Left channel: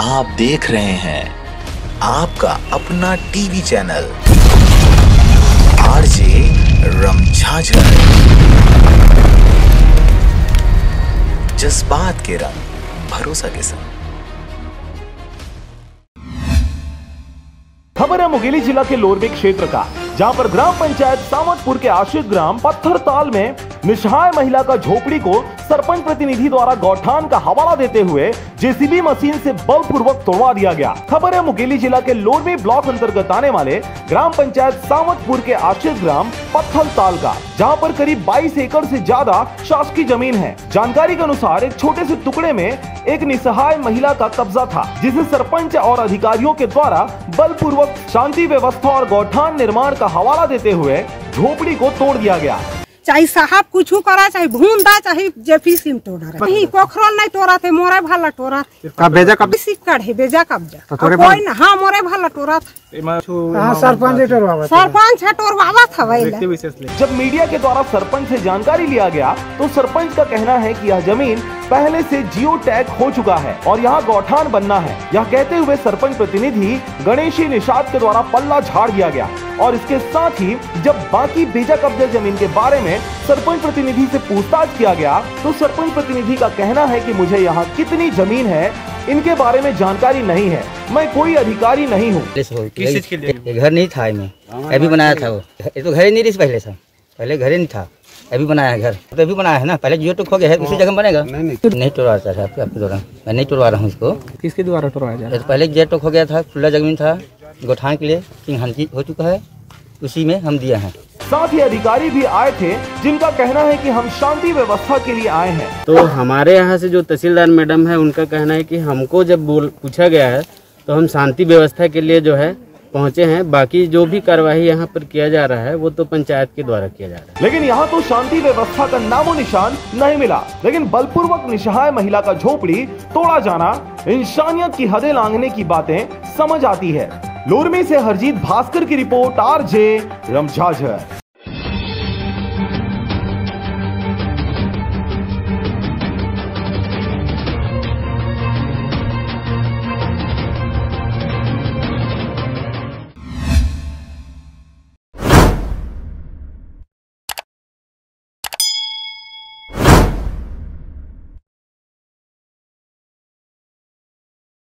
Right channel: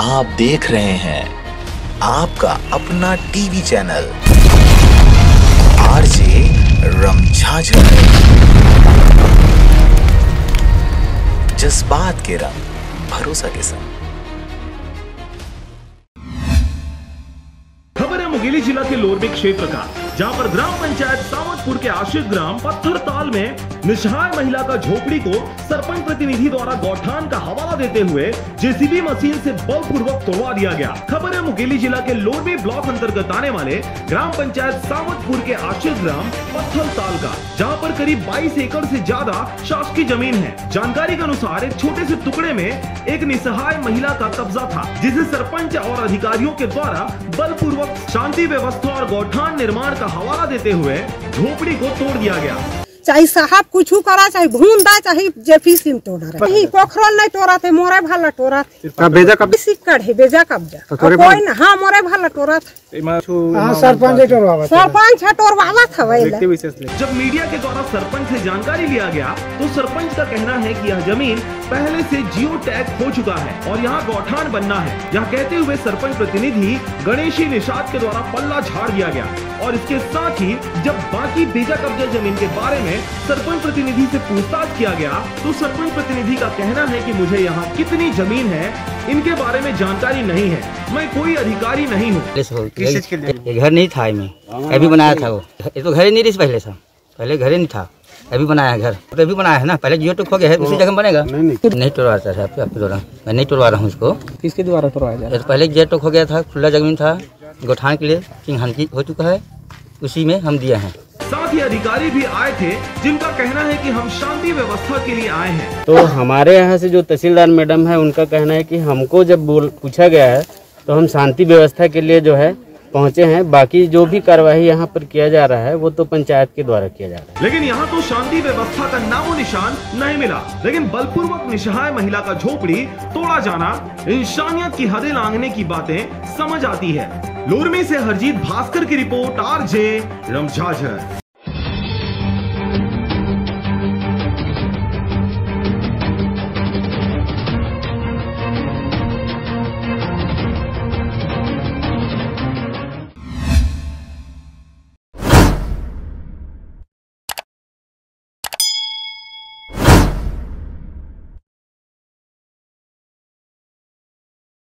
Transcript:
आप देख रहे हैं आपका अपना टीवी चैनल आरजे रमझाझर। जज्बात के रंग, भरोसा के संग। खबर है मुंगेली जिला के लोरबी क्षेत्र का, जहां पर ग्राम पंचायत सावतपुर के आश्रित ग्राम पत्थरताल में निसहाय महिला का झोपड़ी को सरपंच प्रतिनिधि द्वारा गौठान का हवाला देते हुए जेसीबी मशीन से बलपूर्वक तोड़वा दिया गया। खबर है मुंगेली जिला के लोरबी ब्लॉक अंतर्गत आने वाले ग्राम पंचायत सावतपुर के आश्रित ग्राम पत्थरताल का, जहां पर करीब 22 एकड़ से ज्यादा शासकीय जमीन है। जानकारी के अनुसार एक छोटे से टुकड़े में एक निसहाय महिला का कब्जा था, जिसे सरपंच और अधिकारियों के द्वारा बलपूर्वक शांति व्यवस्था और गौठान निर्माण का हवाला देते हुए झोपड़ी को तोड़ दिया गया। चाहे साहब कुछ करा, चाहे भून दा, चाहे जेपी सिम तोड़ा नहीं, पोखरल नहीं तोड़ा थे, मोरे भाला तोड़ा बेजा कब सिक्कड़ है, बेजा कब्जा कोई ना। हाँ, मोरे भाला तोड़ा सरपंच है तोड़वा था। जब मीडिया के द्वारा सरपंच से जानकारी लिया गया तो सरपंच का कहना है कि यह जमीन पहले से जियो टैग हो चुका है और यहाँ गौठान बनना है। यह कहते हुए सरपंच प्रतिनिधि गणेशी निषाद के द्वारा पल्ला झाड़ दिया गया और इसके साथ ही जब बाकी बेजा कब्जा जमीन के बारे में सरपंच प्रतिनिधि से पूछताछ किया गया तो सरपंच प्रतिनिधि का कहना है कि मुझे यहाँ कितनी जमीन है इनके बारे में जानकारी नहीं है, मैं कोई अधिकारी नहीं हूँ। घर नहीं था, मैं अभी बनाया था। वो ये तो घर ही नहीं रही पहले घर ही नहीं था, अभी बनाया है घर। तो अभी बनाया है ना, पहले जियो टैग हो गया है, दूसरी जगह बनेगा। नहीं तोड़वाता है आपके द्वारा, मैं नहीं तोड़वा रहा हूँ इसको। किसके द्वारा तोड़वाया जा रहा है? पहले जियो टैग हो गया था, खुला जमीन था, गौठान के लिए चिन्हांकित हो चुका है, उसी में हम दिया है। साथ ही अधिकारी भी आए थे जिनका कहना है कि हम शांति व्यवस्था के लिए आए हैं। तो हमारे यहाँ से जो तहसीलदार मैडम है उनका कहना है कि हमको जब पूछा गया है तो हम शांति व्यवस्था के लिए जो है पहुँचे हैं। बाकी जो भी कार्यवाही यहाँ पर किया जा रहा है वो तो पंचायत के द्वारा किया जा रहा है। लेकिन यहाँ तो शांति व्यवस्था का नामो निशान नहीं मिला। लेकिन बलपूर्वक निसहाय महिला का झोपड़ी तोड़ा जाना इंसानियत की हदें लांघने की बातें समझ आती है। लोरमी से हरजीत भास्कर की रिपोर्ट, आरजे रमझाझर।